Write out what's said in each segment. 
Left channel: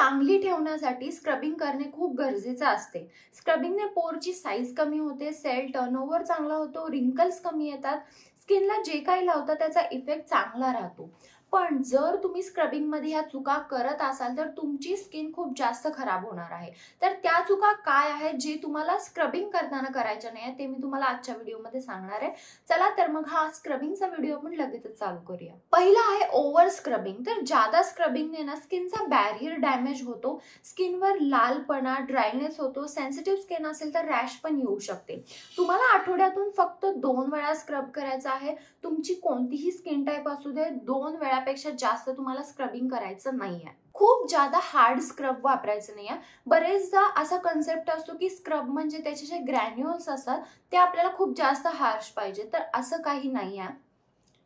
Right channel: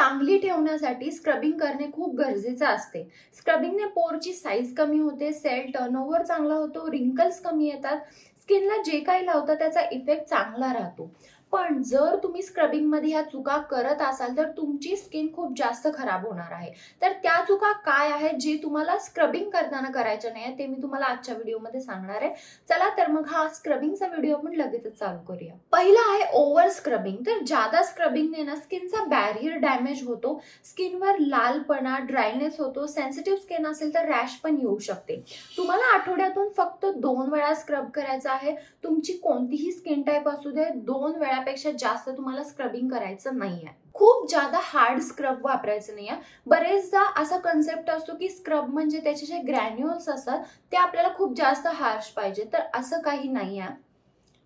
चांगली ठेवण्यासाठी स्क्रबिंग करणे खूप गरजेचे असते। स्क्रबिंगने पोरची साईज कमी होते, सेल टर्नओव्हर चांगला होतो, रिंकल्स कमी येतात, स्किनला जे काही लावतं त्याचा इफेक्ट चांगला राहतो। पण जर तुम्ही स्क्रबिंग मध्ये ह्या चुका करत असाल तर तुमची स्किन खूप जास्त खराब होणार आहे। तर त्या चुका काय आहेत जे तुम्हाला स्क्रबिंग करताना करायच्या नाही ते मी तुम्हाला आजच्या व्हिडिओमध्ये सांगणार आहे। चला तर मग हा स्क्रबिंगचा व्हिडिओ आपण लगेचच चालू करूया। पहिला आहे ओव्हर स्क्रबिंग। तर ज्यादा स्क्रबिंगने ना स्किनचा बॅरियर डॅमेज होतो, स्किनवर लालपणा, ड्रायनेस होतो, सेन्सिटिव्ह स्किन असेल तर रॅश पण येऊ शकते। तुम्हाला आठवड्यातून फक्त 2 वेळा स्क्रब करायचा आहे। तुमची कोणतीही स्किन टाइप असू दे, 2 वेळापेक्षा जास्त तुम्हाला स्क्रबिंग करायचं नाहीये। खूप ज्यादा हार्ड स्क्रब वापरायचं नाहीये। बरेचदा असा कन्सेप्ट असतो की स्क्रब म्हणजे त्याचे जे ग्रॅन्युल्स असतात ते आपल्याला खूप जास्त हार्श पाहिजे, तर असं काही नाहीये।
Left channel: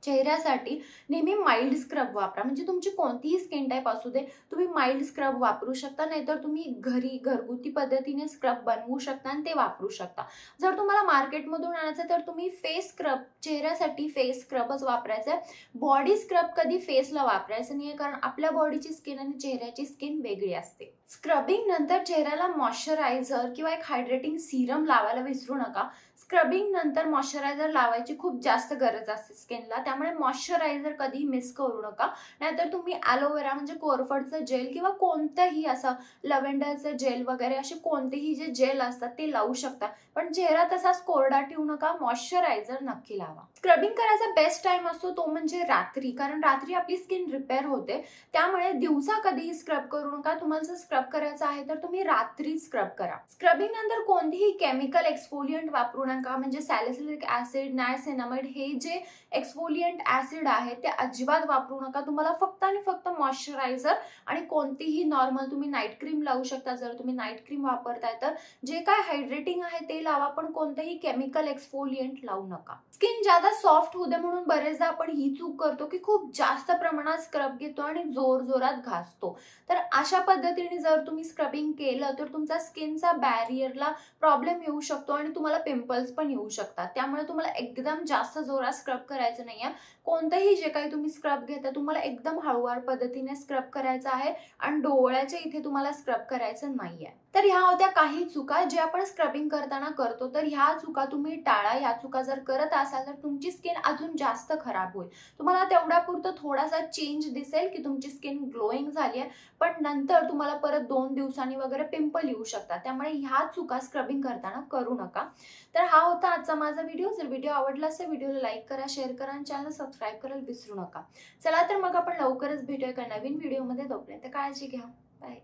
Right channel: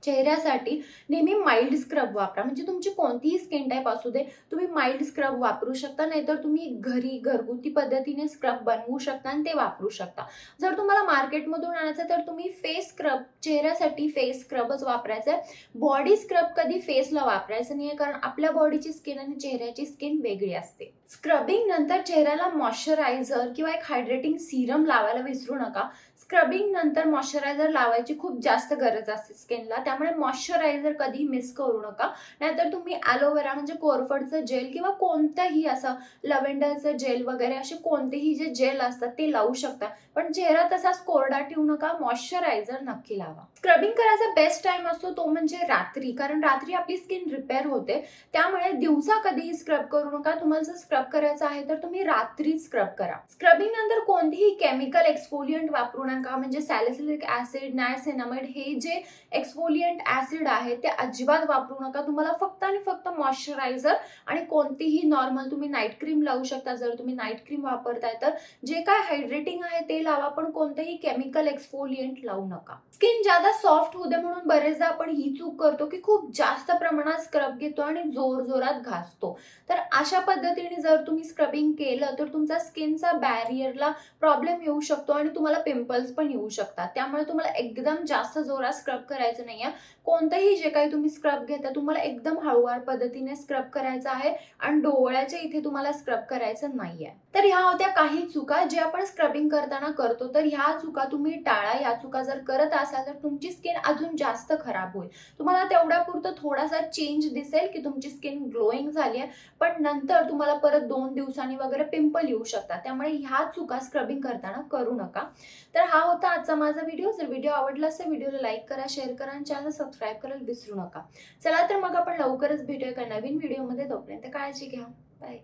चेहऱ्यासाठी नेहमी माइल्ड स्क्रब वापरा। म्हणजे तुमची कोणतीही स्किन टाइप असू दे, तुम्ही माइल्ड स्क्रब वापरू शकता, नाहीतर तुम्ही घरी घरगुती पद्धतीने स्क्रब बनवू शकता आणि ते वापरू शकता। जर तुम्हाला मार्केटमधून आणायचं तर तुम्ही फेस स्क्रब, चेहऱ्यासाठी फेस स्क्रबच वापरायचा आहे। बॉडी स्क्रब कधी फेसला वापरायचं नाहीये, कारण आपल्या बॉडीची स्किन आणि चेहऱ्याची स्किन वेगळी असते। स्क्रबिंग नंतर चेहऱ्याला मॉइश्चरायझर किंवा एक हायड्रेटिंग सीरम लावायला विसरू नका। स्क्रबिंग नंतर मॉइश्चरायझर लावायची खूप जास्त गरज असते स्किनला, त्यामुळे मॉइश्चरायझर कधी मिस करू नका। नाहीतर तुम्ही ॲलोवेरा म्हणजे कोरफडचं जेल किंवा कोणतंही असं लव्हेंडरचं जेल वगैरे असे कोणतेही जे जेल असतात ते लावू शकता, पण चेहरा तसाच कोरडा ठेवू नका, मॉइश्चरायझर नक्की लावा। स्क्रबिंग करायचा बेस्ट टाइम असतो तो म्हणजे रात्री, कारण रात्री आपली स्किन रिपेअर होते, त्यामुळे दिवसा कधीही स्क्रब करू नका। तुम्हाला जर स्क्रब करायचं आहे तर तुम्ही रात्री स्क्रब करा। स्क्रबिंग नंतर कोणतीही केमिकल एक्सफोलियंट वापरू नका, म्हणजे सॅलिसिलिक ऍसिड, नायसिनामाइड हे जे एक्सफोलियंट ऍसिड आहे ते अजिबात वापरू नका। तुम्हाला फक्त आणि फक्त मॉइश्चरायझर आणि कोणतीही नॉर्मल तुम्ही नाईट क्रीम लावू शकता, जर तुम्ही नाईट क्रीम वापरताय तर। जे काय हायड्रेटिंग आहे ते लावा, पण कोणतेही केमिकल एक्सफोलियंट लावू नका। स्किन ज्यादा सॉफ्ट होऊ दे म्हणून बरेचदा आपण ही चूक करतो की खूप जास्त प्रमाणात स्क्रब घेतो आणि जोरजोरात घासतो। तर अशा पद्धतीने जर तुम्ही स्क्रबिंग केलं तर तुमचा स्किनचा बॅरियरला प्रॉब्लेम येऊ शकतो आणि तुम्हाला पिंपल्स पण येऊ शकतात। त्यामुळे तुम्हाला एकदम जास्त जोरात स्क्रब करायचं नाहीये। कोणतेही जे काही तुम्ही स्क्रब घेता तुम्हाला एकदम हळूवार पद्धतीने स्क्रब करायचं आहे आणि डोळ्याच्या इथे तुम्हाला स्क्रब करायचं नाहीये। तर ह्या होत्या काही चुका जे आपण स्क्रबिंग करताना करतो, तर ह्या चुका तुम्ही टाळा। ह्या चुका जर करत असाल तर तुमची स्किन अजून जास्त खराब होईल। तुम्हाला तेवढ्यापुरतं थोडासा चेंज दिसेल की तुमची स्किन ग्लोईंग झाली आहे, पण नंतर तुम्हाला परत 2 दिवसांनी वगैरे पिंपल येऊ शकतात। त्यामुळे ह्या चुका स्क्रबिंग करताना करू नका। तर हा होता आजचा माझा व्हिडिओ। जर व्हिडिओ आवडला असेल व्हिडिओला लाईक करा, शेअर करा आणि चॅनल सबस्क्राईब करायला विसरू नका। चला तर मग आपण लवकरच भेटूया एका नवीन व्हिडिओमध्ये। तोपर्यंत काळजी घ्या, बाय।